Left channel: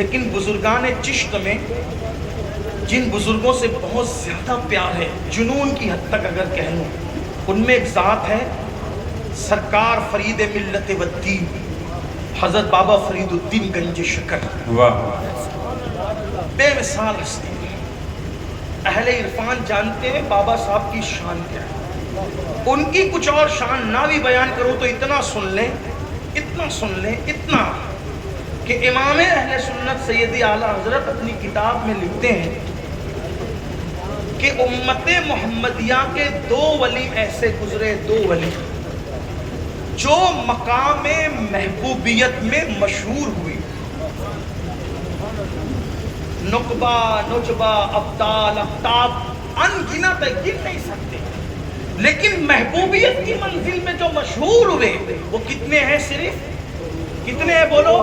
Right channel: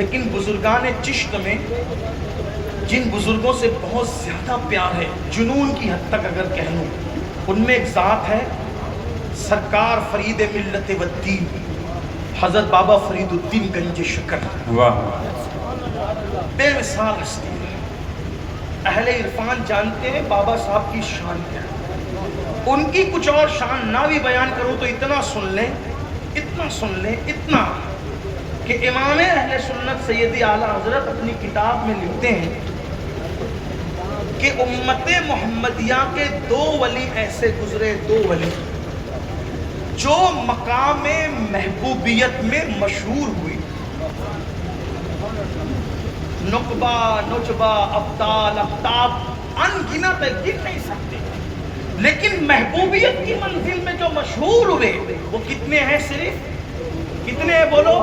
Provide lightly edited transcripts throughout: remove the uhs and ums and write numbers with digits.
لیکن بزرگان چشت میں جن بزرگوں سے بہت زیادہ پیار ہے، جنون کی حد تک اگر کہہ لوں، ان میں ایک ذات ہے سرکار فرید ملت والدین حضرت بابا فرید الدین گنج شکر، بے مثال ہستی۔ اہل عرفان جانتے ہیں بابا صاحب کی شان کیا ہے، ان کی کچھ اور شان نہ بھی بیان کرو تو اتنا سن لیں، اتنا سن لیں، اتنا کہ امام اہل سنت سیدی اعلیٰ حضرت اپنی کتاب میں لکھتے ہیں کہ امت محمدیہ کے دو ولی ایسے گزرے، دو ولی جو مقام محبوبیت میں مشہور ہوئی، نقبہ، نجبہ، ابدال، افتاب، انگنت گر نہیں سکتے، لیکن محبوبیت کی منزل میں جو مشہور ہوئے وہ کتنے ہیں؟ صرف کتنے ہیں؟ بولو،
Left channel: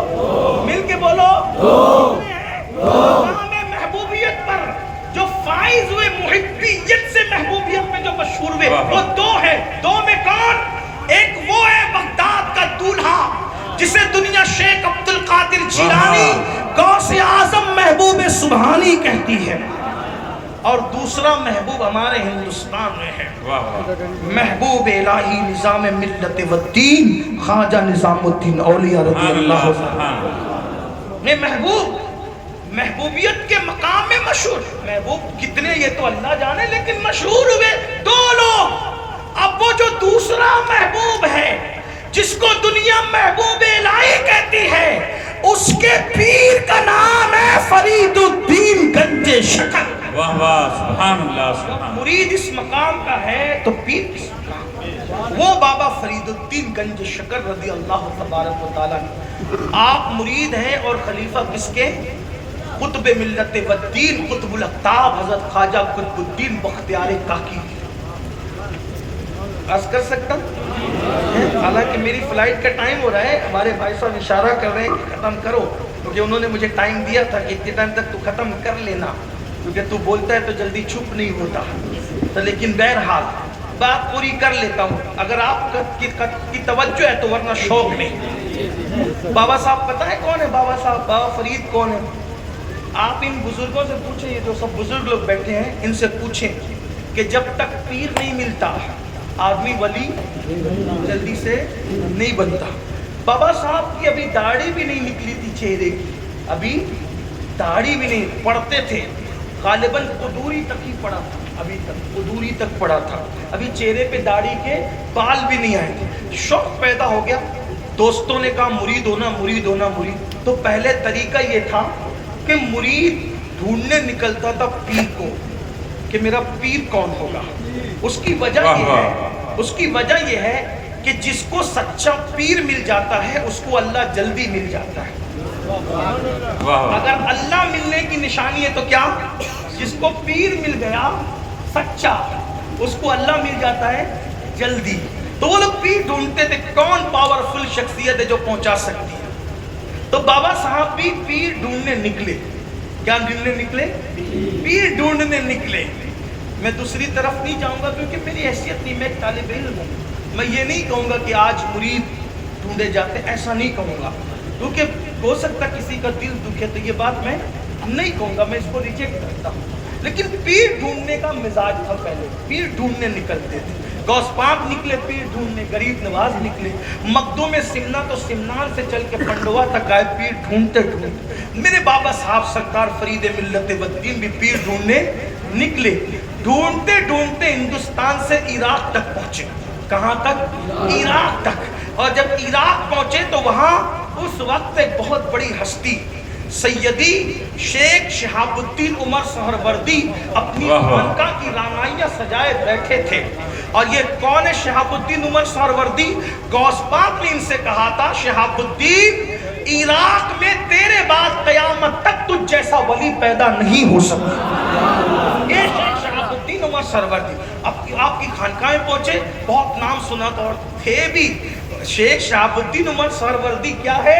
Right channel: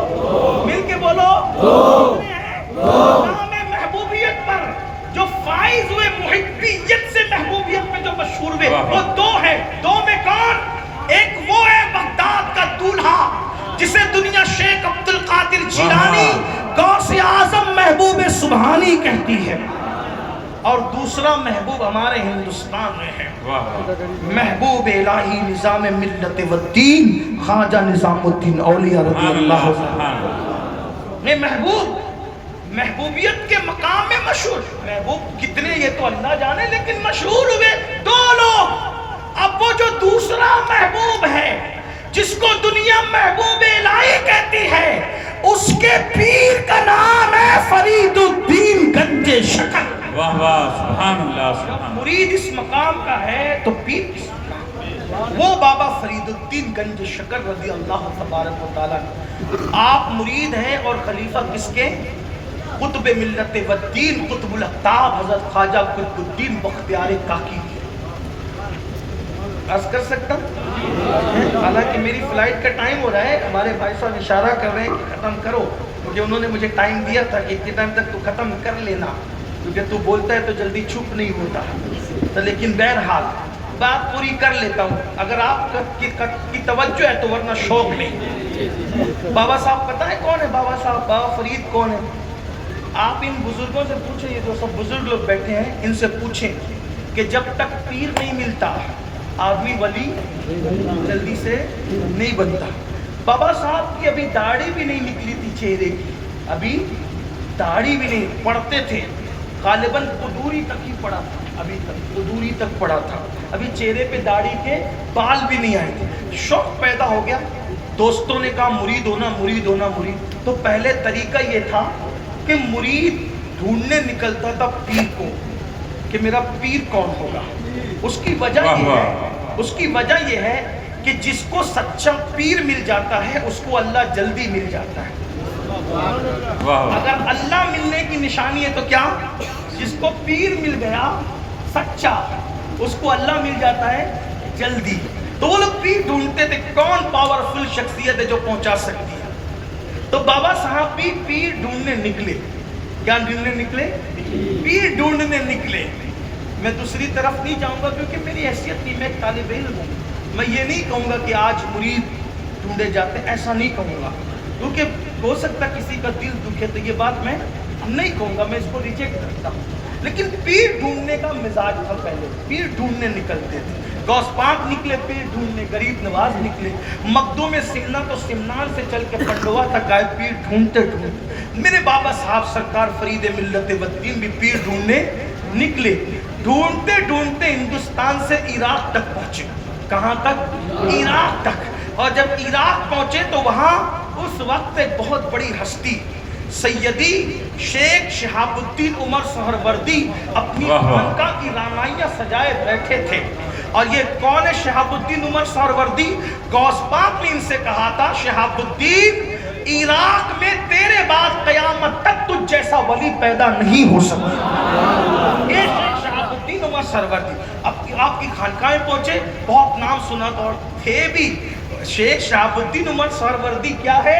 مل کے بولو، کتنے ہیں؟ مقام محبوبیت پر جو فائز ہوئے، محبیت سے محبوبیت میں جو مشہور ہوئے، وہ دو ہیں۔ دو میں کون؟ ایک وہ ہے بغداد کا دولہا جسے دنیا شیخ عبد القادر جیلانی غوث اعظم محبوب سبحانی کہتی ہے، اور دوسرا محبوب ہمارے ہندوستان میں ہے، محبوب الہی نظام ملت والدین خواجہ نظام الدین اولیاء رضی اللہ عنہ میں محبوبیت کے مقام میں مشہور۔ محبوب کتنے یہ تو اللہ جانے، لیکن مشہور ہوئے دو لوگ۔ اب وہ جو دوسرا محبوب ہے جس کو دنیا محبوب الہی کہتی ہے، اس کے پیر کا نام ہے فرید الدین گنج شکر۔ واہ واہ، سبحان اللہ، سبحان۔ مرید اس مقام کا ہے تو پیر کس مقام؟ وہ بابا فرید الدین گنج شکر رضی اللہ تبارک و تعالیٰ۔ آپ مرید ہیں اور خلیفہ کس کے؟ قطب ملت والدین، قطب الاقطاب حضرت خواجہ قطب الدین بختیار کاکی۔ عرض کر سکتا ہوں؟ حالانکہ میری فلائٹ کا ٹائم ہو رہا ہے، ہمارے بھائی صاحب اشارہ کر رہے ہیں کہ ختم کرو، کیونکہ انہوں نے مجھے ٹائم دیا تھا کہ اتنے ٹائم تک تو ختم کر لینا، کیونکہ تو بولتا ہے تو جلدی چپ نہیں ہوتا۔ تو لیکن بہرحال بات پوری کر لیتا ہوں اگر آپ کی توجہ ہے تو، ورنہ شوق نہیں۔ بابا صاحب پتہ ہے کون ہے بابا صاحب؟ بابا فرید کون ہے؟ آپ ان بزرگوں سے پوچھیں، یہ جو سب بزرگ لوگ بیٹھے ہیں ان سے پوچھیں کہ جب تک پیر نہیں ملتا آدمی ولی جلدی سے نہیں بنتا۔ بابا صاحب کی ابھی داڑھی بھی نہیں نکلی تھی چہرے کی، ابھی داڑھی بھی نہیں، پڑھتے تھے غالباً قدوری تک ہی پڑا تھا، ابھی تک قدوری تک پڑا تھا، ابھی چہرے پہ داڑھی کے بال بھی نہیں آئے تھے۔ شوق پیدا ہو گیا، دوستوں نے کہا مرید ہونا، مرید ہونا، مرید۔ تو پہلے طریقہ یہ تھا کہ مرید ڈھونڈنے نکلتا تھا پیر کو کہ میرا پیر کون ہوگا۔ اس کی وجہ یہ ہے کہ جس کو سچا پیر مل جاتا ہے اس کو اللہ جلدی مل جاتا ہے۔ اگر اللہ ملنے کی نشانی ہے تو کیا؟ جس کو پیر مل گیا سچا، اس کو اللہ مل جاتا ہے جلدی۔ تو وہ لوگ پیر ڈھونڈتے تھے کون پاورفل شخصیت ہے جو پہنچا سکتی ہے۔ تو بابا صاحب بھی پیر ڈھونڈنے نکلے۔ کیا ڈھونڈنے نکلے؟ پیر ڈھونڈنے نکلے۔ میں دوسری طرف نہیں جاؤں گا کیونکہ میری حیثیت نہیں، میں ایک طالب علم ہوں۔ میں یہ نہیں کہوں گا کہ آج مرید ڈھونڈے جاتے، ایسا نہیں کہوں گا، کیونکہ ہو سکتا کسی کا دل دکھے، تو یہ بات میں نہیں کہوں گا، میں اس کو ریجیکٹ کرتا ہوں۔ لیکن پیر ڈھونڈنے کا مزاج تھا پہلے، پیر ڈھونڈنے نکلتے تھے۔ غوث پاک نکلے پیر ڈھونڈنے، غریب نواز نکلے، مخدوم سمنا تو سمنان سے چل کے پنڈوا تک گئے پیر ڈھونڈتے ڈھونڈتے۔ میرے بابا صاحب سرکار فرید ملت والدین بھی پیر ڈھونڈنے نکلے، ڈھونڈتے ڈھونڈتے ہندوستان سے عراق تک پہنچے۔ کہاں تک؟ عراق تک۔ اور جب عراق پہنچے تو وہاں اس وقت ایک بہت بڑی ہستی سیدی شیخ شہاب الدین عمر سہروردی اپنی خانقاہ کی رانائیاں سجائے بیٹھے تھے۔ اور یہ کون ہے شہاب الدین عمر سہروردی؟ غوث پاک نے ان سے کہا تھا شہاب الدین عراق میں تیرے بعد قیامت تک تجھ جیسا ولی پیدا نہیں ہو سکتا۔ یہ شہاب الدین عمر سہروردی آپ کی خانقاہیں پہنچے، بہت نام سنا تو تھے بھی۔ شیخ شہاب الدین عمر سہروردی کیا ہے؟